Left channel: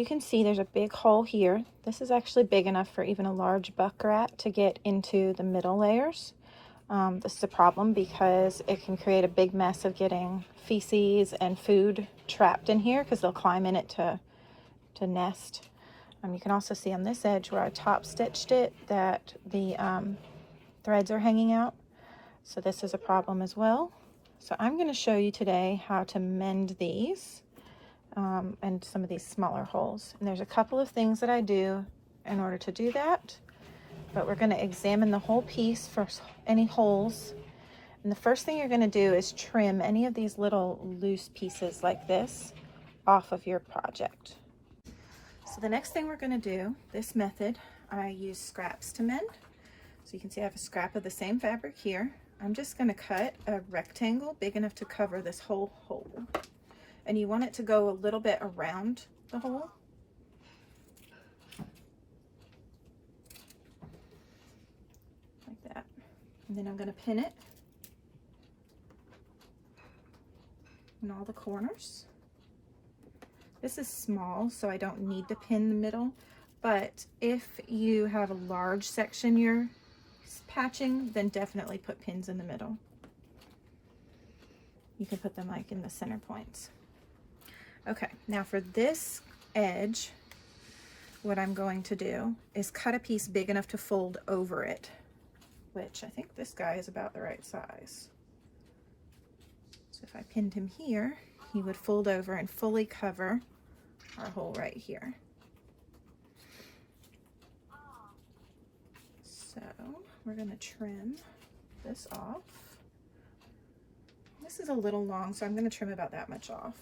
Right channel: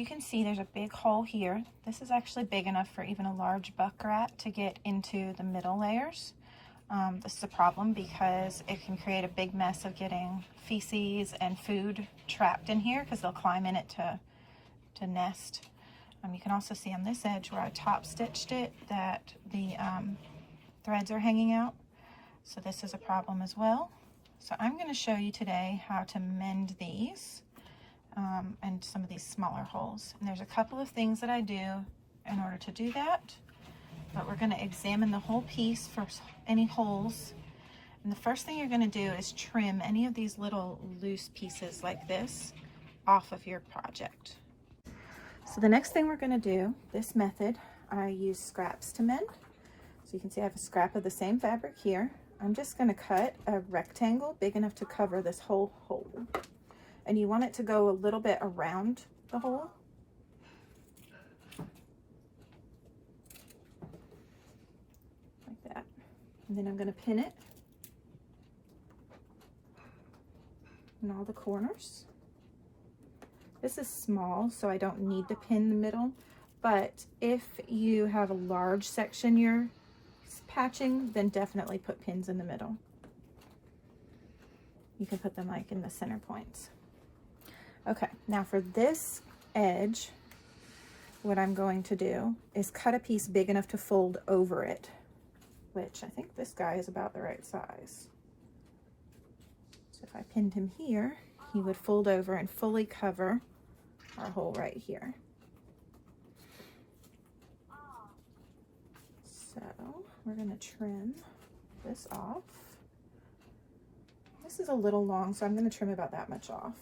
you can see, there's a big hole here. This is actually big enough for even a large buck rat to get into the middle layers. This is a problem because it can create a big mess of getting feces and food trapped in here because they'll climb in it to nest. You can also see on this edge where I top stitched it that the threads are hanging out. So this is a problem as well. So I'm going to show you today how to mend these and some of these smaller holes. And there's a couple of things that I do in order to do that, but we're going to examine the whole piece for any holes. And the first thing you're going to do is trim any of these little loose pieces like this off of your project. So the next thing we're going to do, this method, I use scraps to mend. So you can see I have a scrap of the same fabric here. I'm just going to cut a rectangle big enough to cover this whole hole. And you want it to go a little bit around the hole. Like that. And then I'm going to pin it in all the corners. This is small, so I don't need to pin the middle, but if you have a large section you're patching, then definitely put pins in the middle. You can put them like in the center points. Okay, now for this edge, what I'm going to do is cut a piece big enough to fold over it, which I think this guy is about the right size. So if I pinned him here, he would fold over and fully cover our hole right here. So we're going to trim this off. This is a little long, so I'm going to trim about that much off.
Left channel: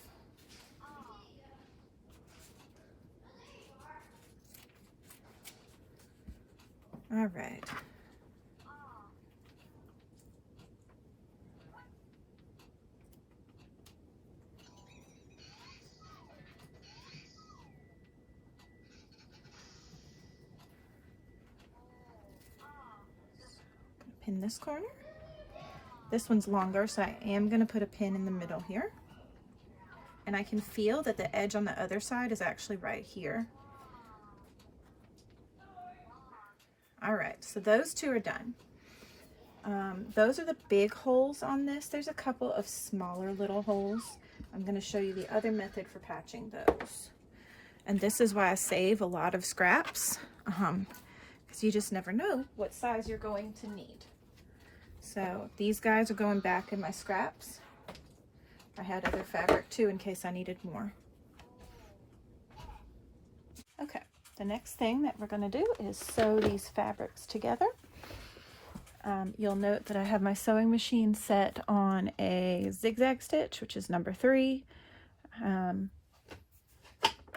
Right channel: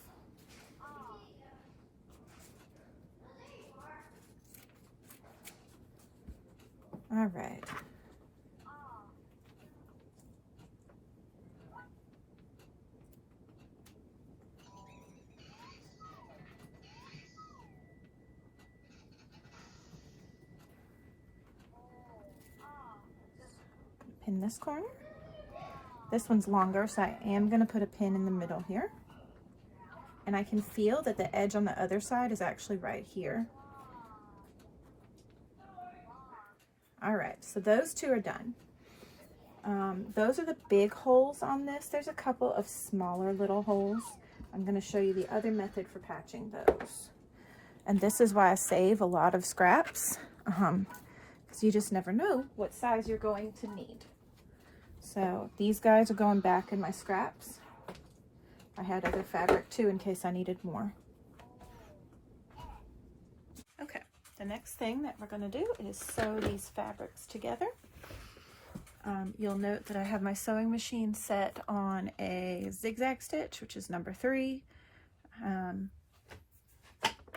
All right. Pin this corner. This one's longer, so I am going to put a pin in the middle here. And I can feel that the edge on the other side is actually right here. All right, so those two are done. Those are the big holes on this. There's a couple of smaller little holes. I'm going to show you the other method for patching those. And this is why I save a lot of scraps, because you just never know what size you're going to need. So these guys are going back in my scraps. I had other fabric too in case I needed more. Okay, the next thing that we're going to do is sew these fabrics together. You'll note that I have my sewing machine set on a zigzag stitch, which is number 3.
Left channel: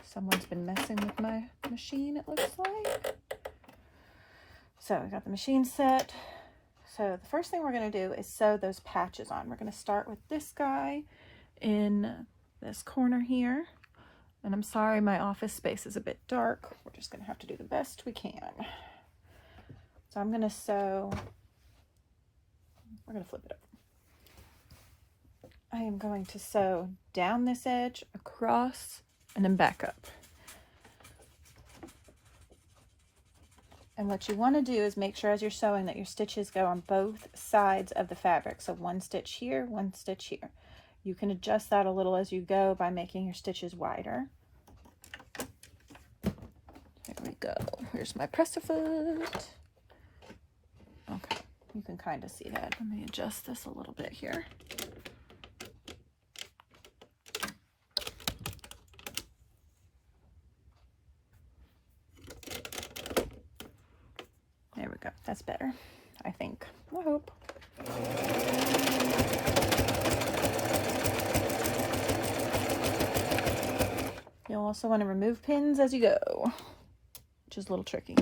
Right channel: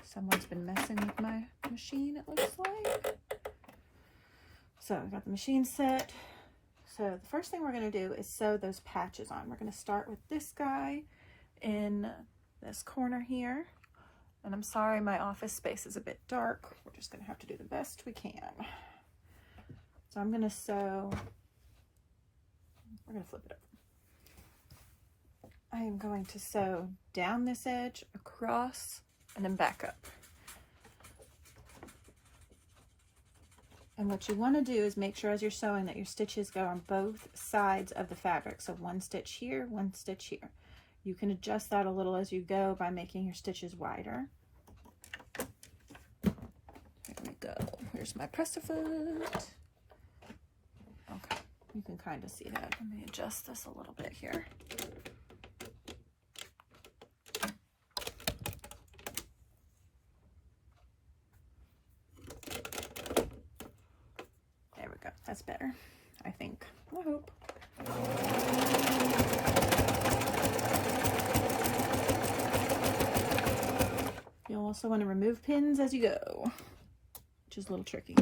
Someone's been messing with my machine, it looks like. So I got the machine set. So the first thing we're going to do is sew those patches on. We're going to start with this guy in this corner here. And I'm sorry, my office space is a bit dark. We're just going to have to do the best we can. So I'm going to sew, we're going to flip it over. I am going to sew down this edge, across, and then back up. And what you want to do is make sure as you're sewing that your stitches go on both sides of the fabric. So one stitch here, one stitch here. You can adjust that a little as you go by making your stitches wider. There we go. Here's my press-a-foot. Okay, you can kind of see that. Let me adjust this a little bit here. There we go. That's better, I think. I hope. You'll also want to remove pins as you go, which is a little tricky.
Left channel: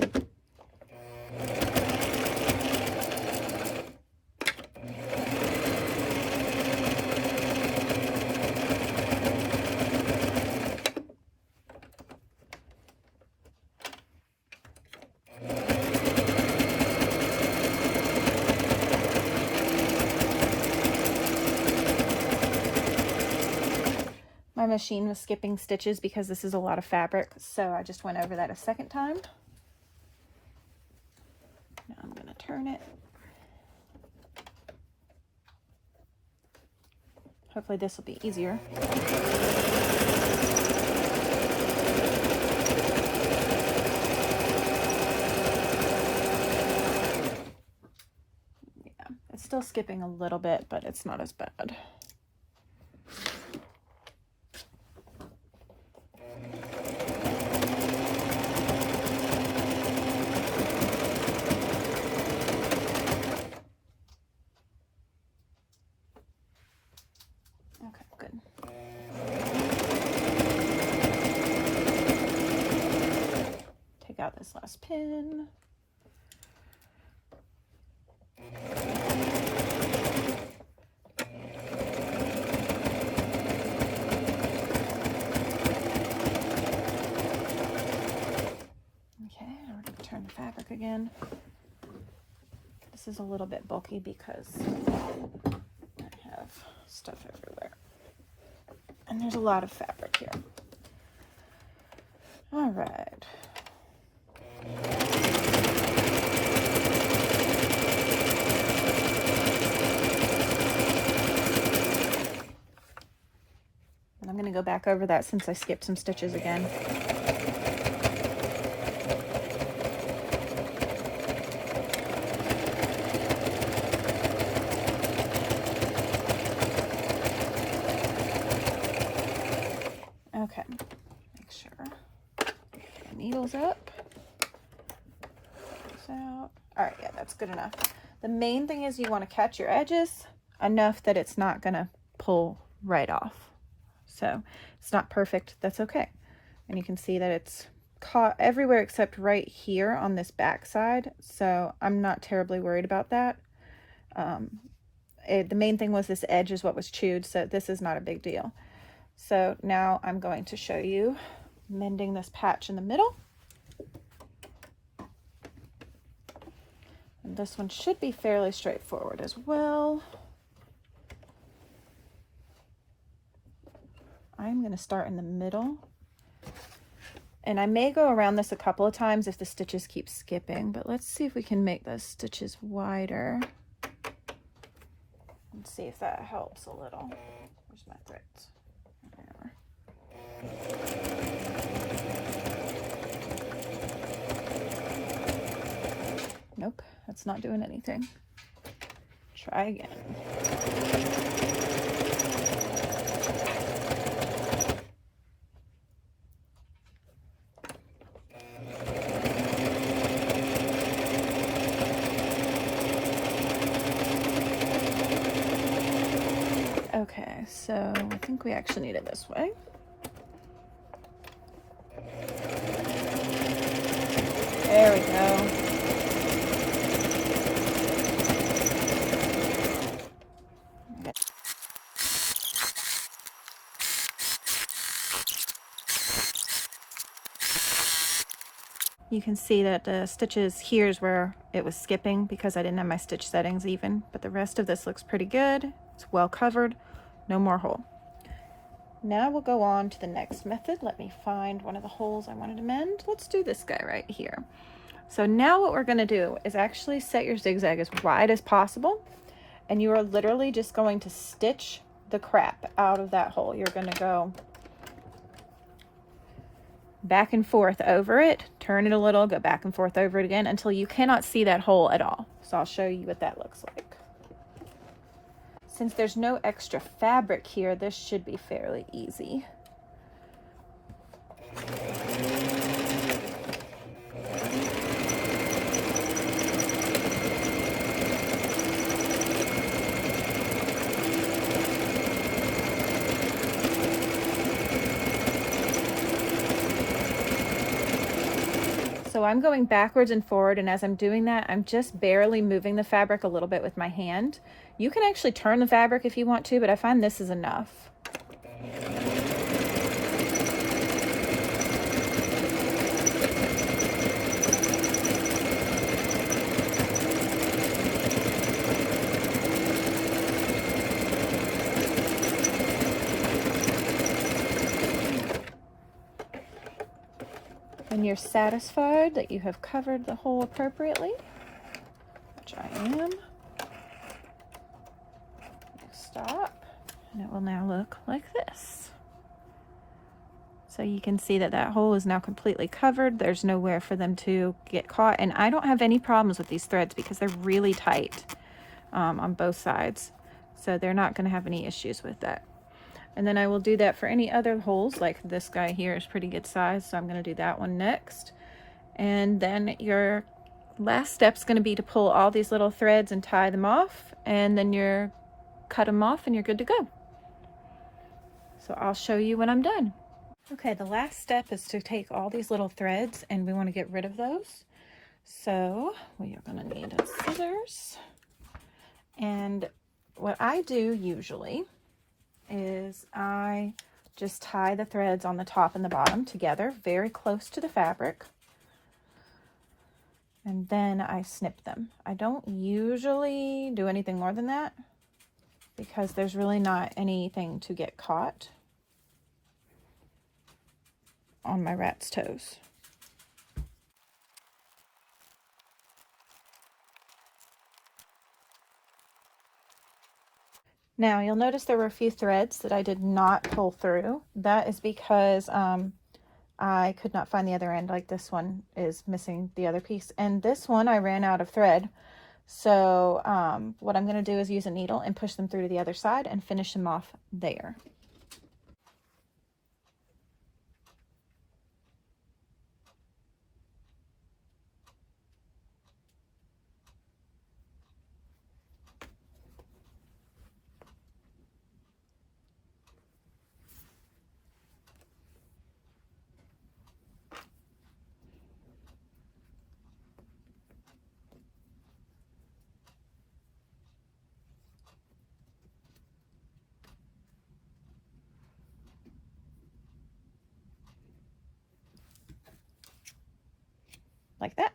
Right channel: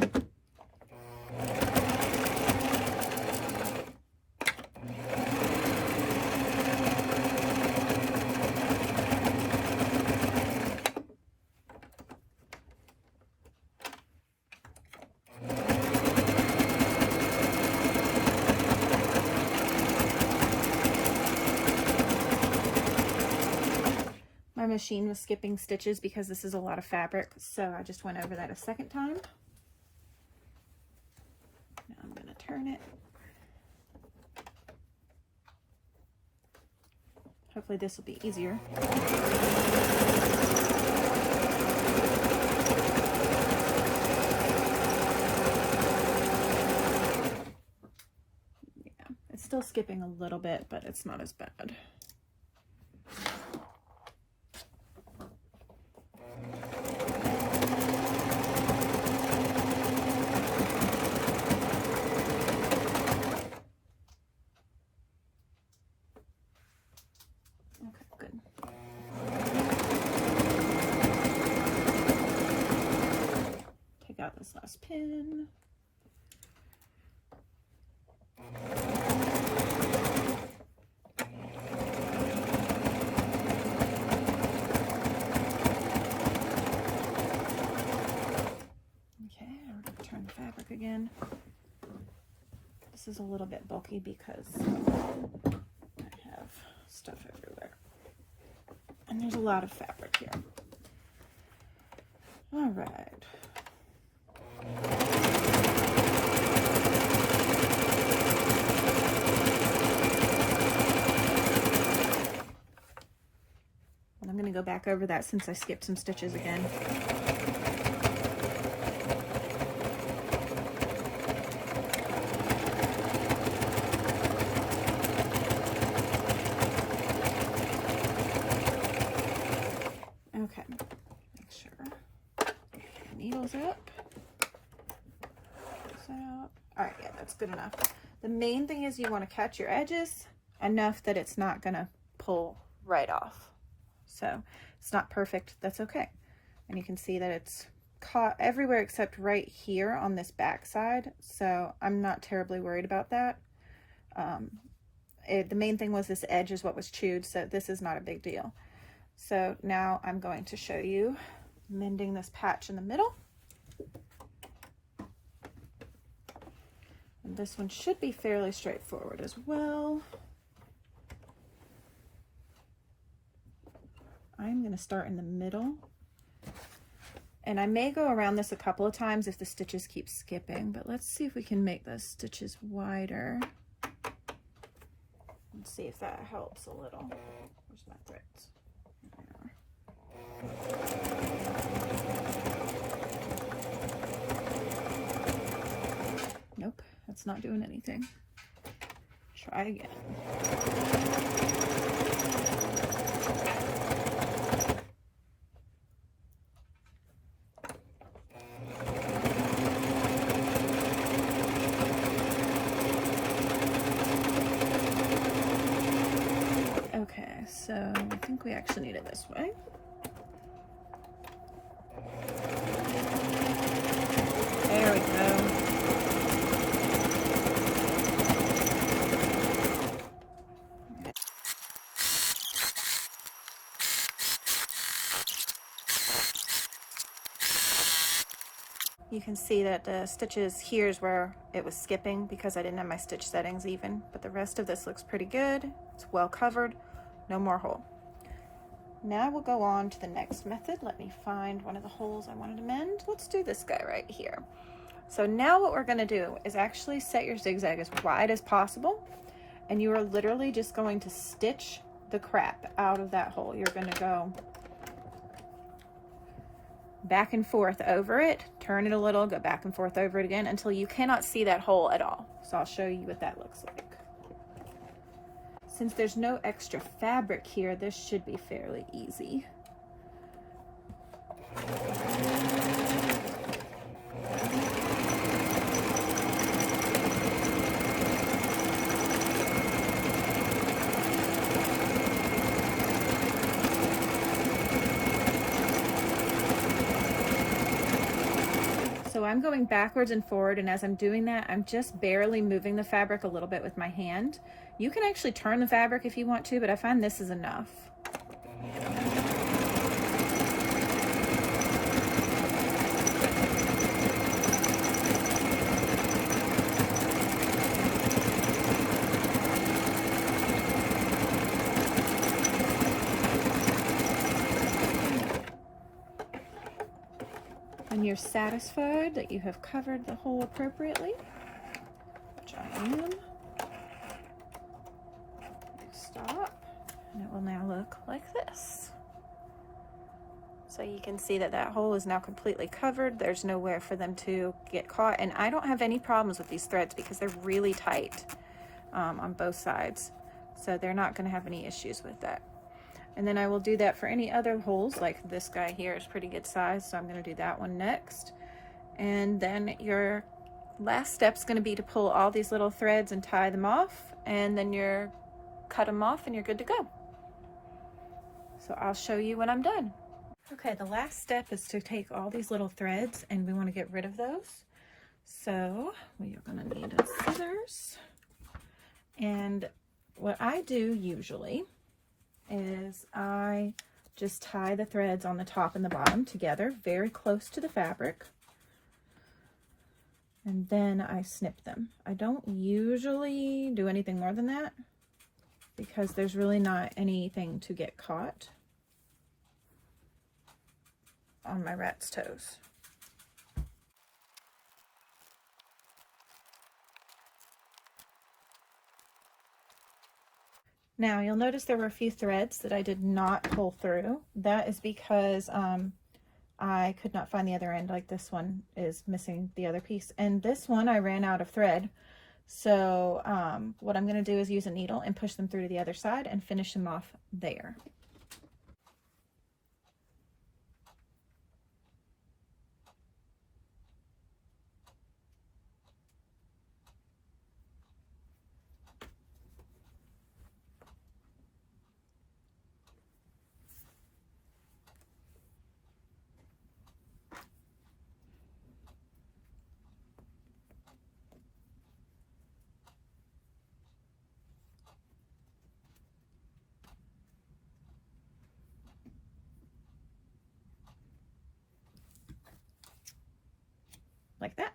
My machine was skipping stitches because this is a lot of fabric, so I just went over that a second time. Now I'm going to turn it. Hopefully this will be easier. Yeah, it's still skipping a little bit, but it's not as bad. This last pin. Okay, we're going to turn the fabric again. This is a little bit bulky because I have stuff everywhere. And there's a lot of fabric here. All right. I'm going to go back over that since I skipped some stitches again. Okay, make sure the needle's up. Out. All right, yeah, that's good enough. The main thing is you want to catch your edges enough that it's not going to pull right off. So it's not perfect, that's okay. And you can see that it's caught everywhere except right here on this back side, so I'm not terribly worried about that. The main thing was this edge is what was chewed, so this is not a big deal. So now I'm going to show you mending this patch in the middle. And this one should be fairly straightforward as well. I'm going to start in the middle. And I may go around this a couple of times if the stitches keep skipping, but let's see if we can make those stitches wider. And see if that helps a little. Where's my threads? There. Nope. That's not doing anything. Try again. Okay, so I think we actually need it this way. There we go. You can see that the stitches here is where it was skipping because I didn't have my stitch settings even, but the rest of this looks pretty good. It's well covered, no more hole. Now we'll go on to the next method. Let me find one of the holes I wanted to mend. Let's do this guy right here. So now what we're gonna do is actually set your zigzag as wide as possible, and you are literally just going to stitch the crap out of that hole. You're gonna go back and forth over it, turn it a little, go back and forth over it again until you cannot see that hole at all. So I'll show you what that looks like. Since there's no extra fabric here, this should be fairly easy. So I'm going backwards and forward, and as I'm doing that, I'm just barely moving the fabric a little bit with my hand. You can actually turn the fabric if you want to, but I find this is enough. you're satisfied that you have covered the hole appropriately, which I am, stop, and it will now look like this. So you can see that that hole is now completely covered. There's nowhere for them to get caught, and I don't have any problems with these threads because they're really tight on both sides, so they're not going to have any issues with that. And then I will do that for any other holes, like this guy here is pretty good size, so I'm going to do that one next. And then your last step is going to be to pull all these little threads and tie them off, and then you're cut them off and you're good to go. So I'll show you when I'm done. Okay, the last step is to take all these little threads, and we want to get rid of those. So we are going to need scissors. And what I do usually is I just tie the threads on the top and the bottom together very close to the fabric, and then I snip them. I don't usually do anything more than that because there's really not anything to get caught on my rat's toes. Now you'll notice there were a few threads that I did not pull through. That is because I could not find the other end. Like this one is missing the other piece, and this one I ran out of thread. So what I'm going to do is use a needle and push them through to the other side and finish them off there. Like that.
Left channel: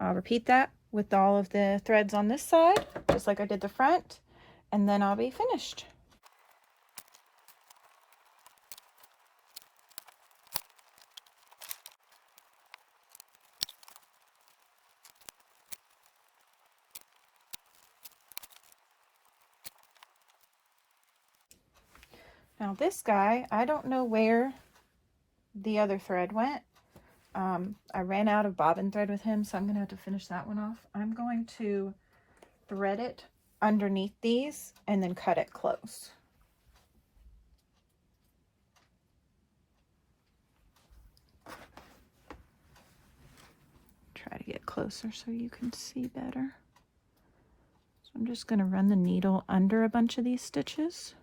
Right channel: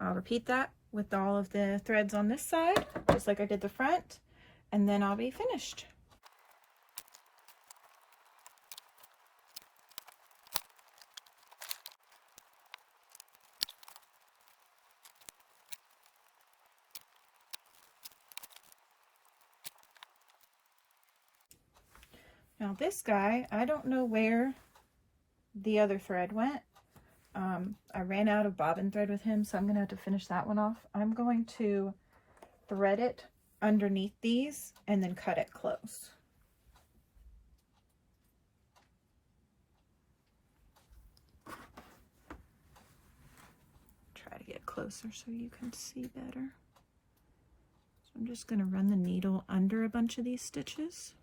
I'll repeat that with all of the threads on this side, just like I did the front, and then I'll be finished. Now this guy, I don't know where the other thread went. I ran out of bobbin thread with him, so I'm going to have to finish that one off. I'm going to thread it underneath these and then cut it close. Try to get closer so you can see better. So I'm just going to run the needle under a bunch of these stitches.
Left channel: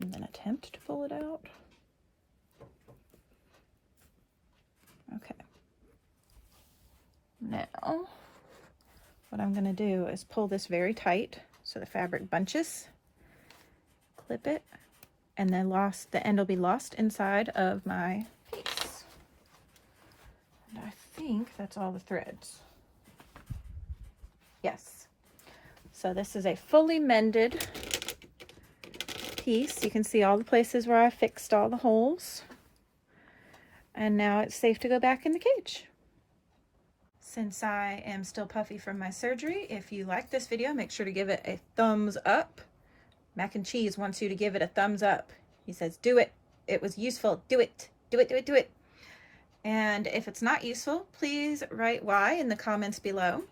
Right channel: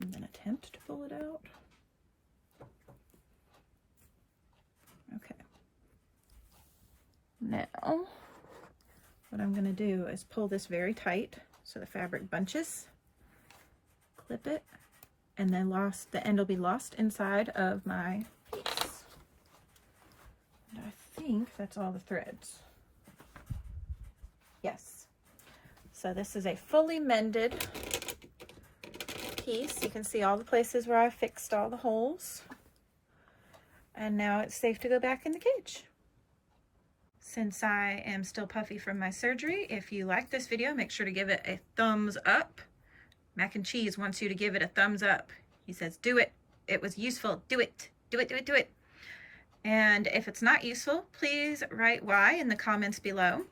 And then attempt to pull it out. Okay. Now, what I'm going to do is pull this very tight so the fabric bunches, clip it, and then the end will be lost inside of my piece. And I think that's all the threads. Yes. So this is a fully mended piece. You can see all the places where I fixed all the holes, and now it's safe to go back in the cage. Since I am still puffy from my surgery, if you like this video, make sure to give it a thumbs up. Mac and Cheese wants you to give it a thumbs up. He says, do it. It was useful. Do it. Do it, do it, do it. And if it's not useful, please write why in the comments below.